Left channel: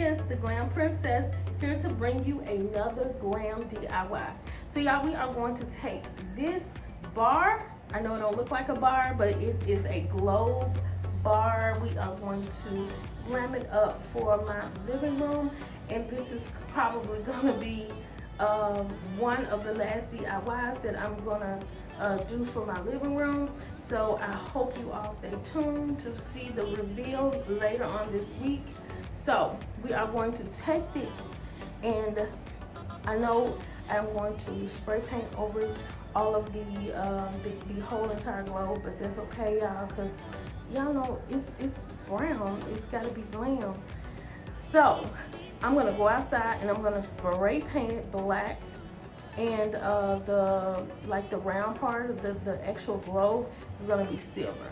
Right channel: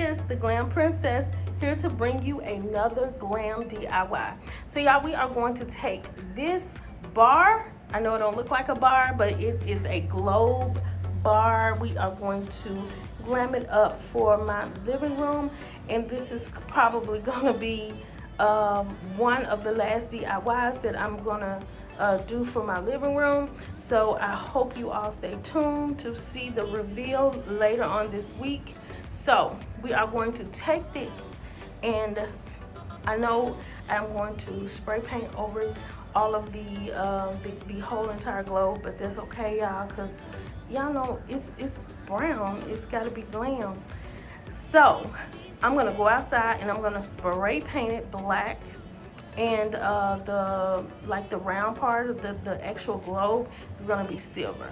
is the Glam Princess, here to bring you another glam DIY. So y'all, we are going to take this bar. I know it don't look like a bar, but it is a globe bar. We are going to glam it up for my living room, and this is probably gonna be one of the last DIYs that I'm gonna do for my living room. So I hope you all stay tuned to see the reveal later on this week. So we are going to take this, and I know I'm going to spray paint over all of the whole entire globe, but that's okay, y'all, because y'all know it's brown. It's got to be glam. So I'm gonna go outside and I'm gonna spray paint it black, and the round part of the actual globe is gonna be silver.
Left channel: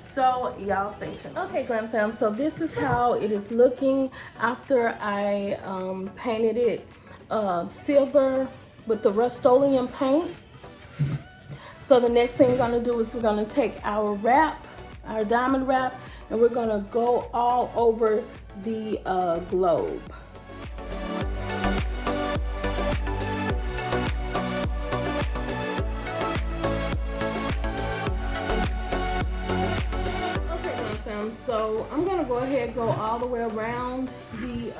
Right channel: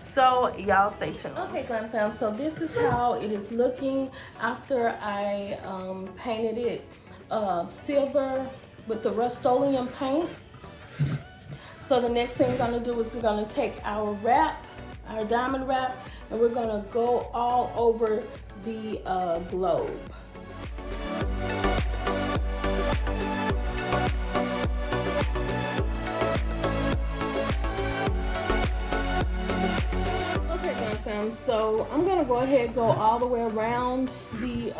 So y'all stay tuned. Okay, Glam Fam, so this is how it is looking after I painted it silver with the Rust-Oleum paint. So the next thing we're gonna do is we're gonna take our wrap, our diamond wrap, and we're gonna go all over the globe. Okay, Glam Fam, so I'm gonna go ahead and go all the way around the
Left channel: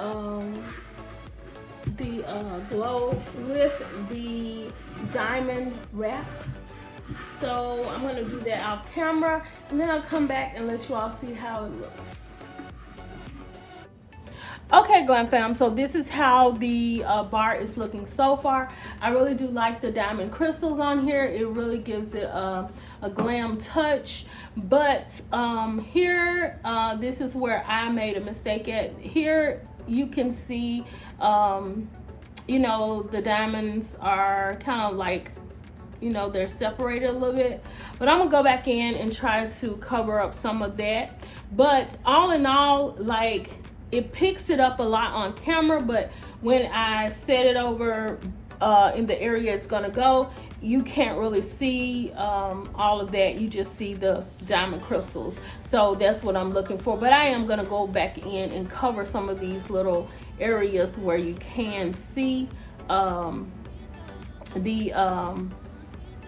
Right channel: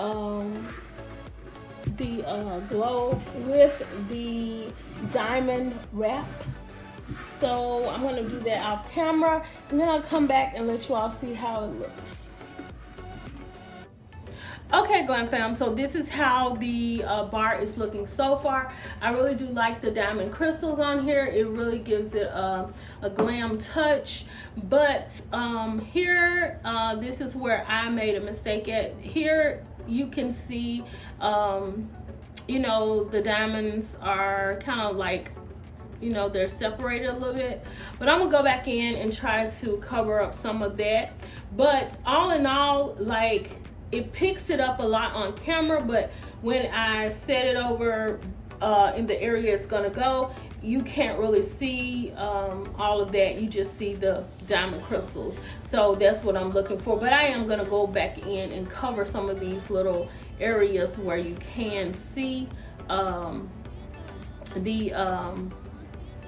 globe with the diamond wrap. So I'm gonna do that off camera, and then I'll come back and let you all see how it looks. Okay, Glam Fam, so this is how the bar is looking so far. I really do like the diamond crystals on here. It really gives it a glam touch. But here, this is where I made a mistake at. Here you can see, you know, the diamonds are kind of like, you know, they're separated a little bit, but I'm gonna go back in and try to cover up some of that. But all in all, like, it picks it up a lot on camera, but when I set it over in the area it's gonna go, you can't really see all of that. You just see the diamond crystals. So that's what I'm looking for. But I am gonna go back in and cover some of these little areas where you can see the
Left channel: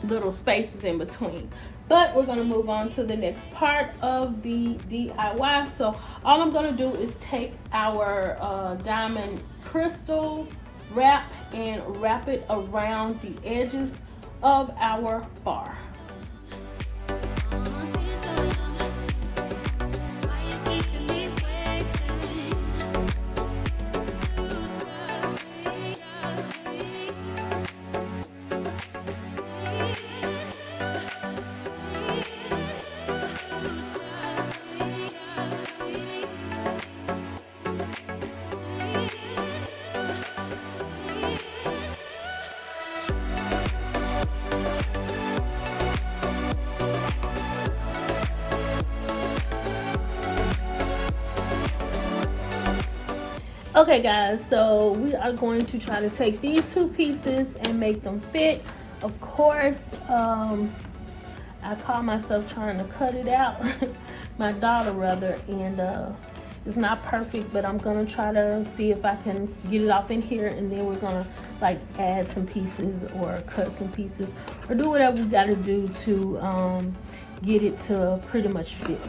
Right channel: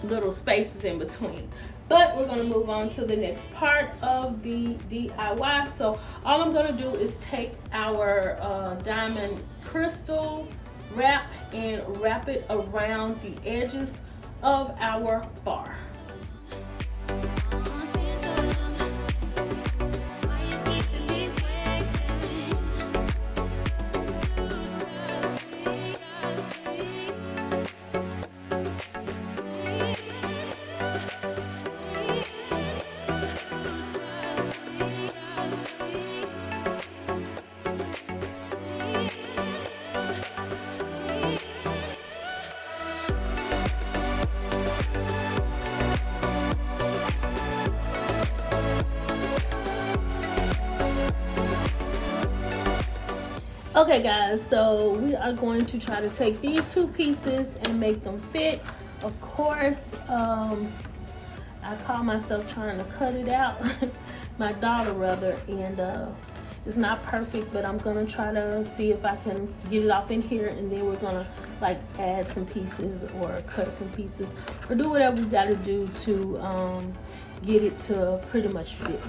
little spaces in between. But we're gonna move on to the next part of the DIY. So all I'm gonna do is take our diamond crystal wrap and wrap it around the edges of our bar. Okay guys, so we are going to try to take these two pieces and make them fit. Of course, I call myself trying to cut it out, my daughter rather, and it's not perfect, but I'm gonna try to see if I can get it off in here, and then we're gonna like add some pieces or cut some pieces or do whatever we gotta do to get it to pretty much fit.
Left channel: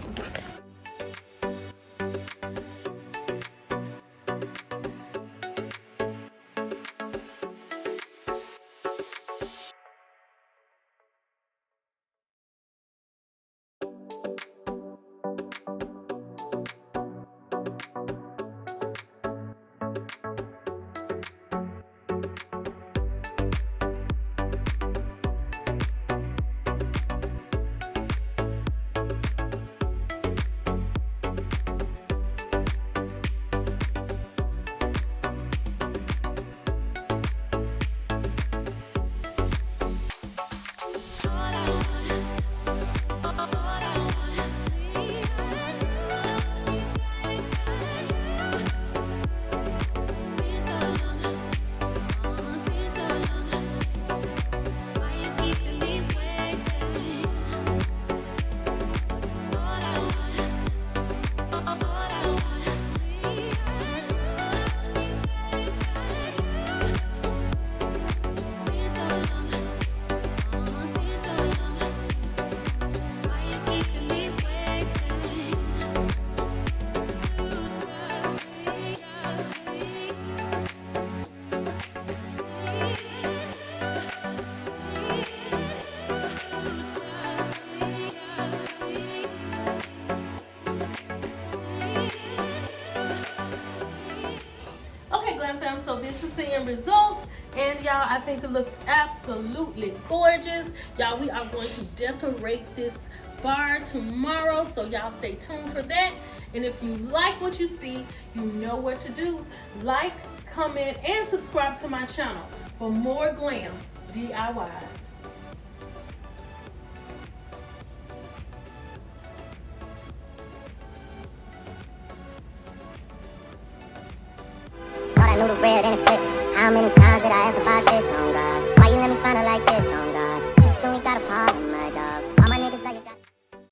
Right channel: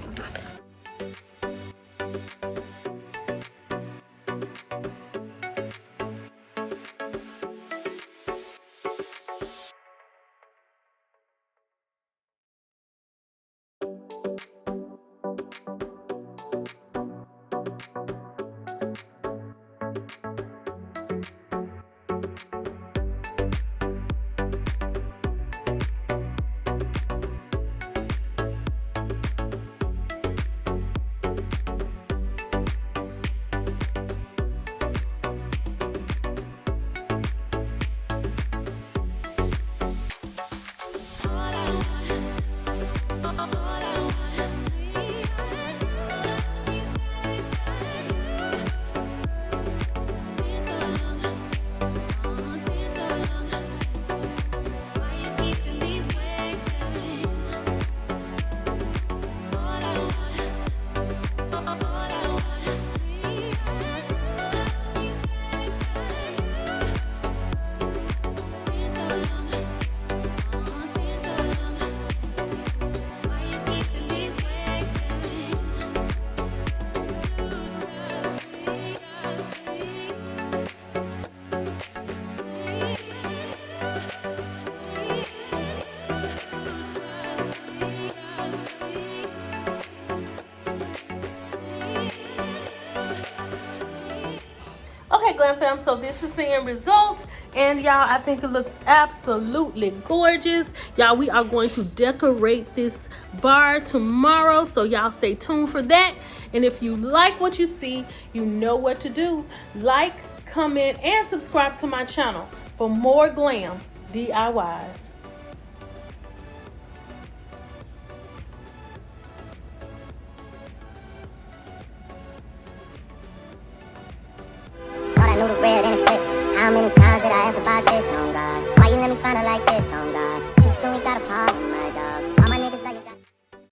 Okay, Glam Fam, so this is the end result. And y'all, I think it looks absolutely gorgeous. Y'all, we are going to decorate this bar tomorrow, so y'all stay tuned for that. And if you like what you see, you know what to do. Like, comment, and subscribe to my channel for more glam DIYs. Thought I knew the red and it flipped. How many times did I ask about this?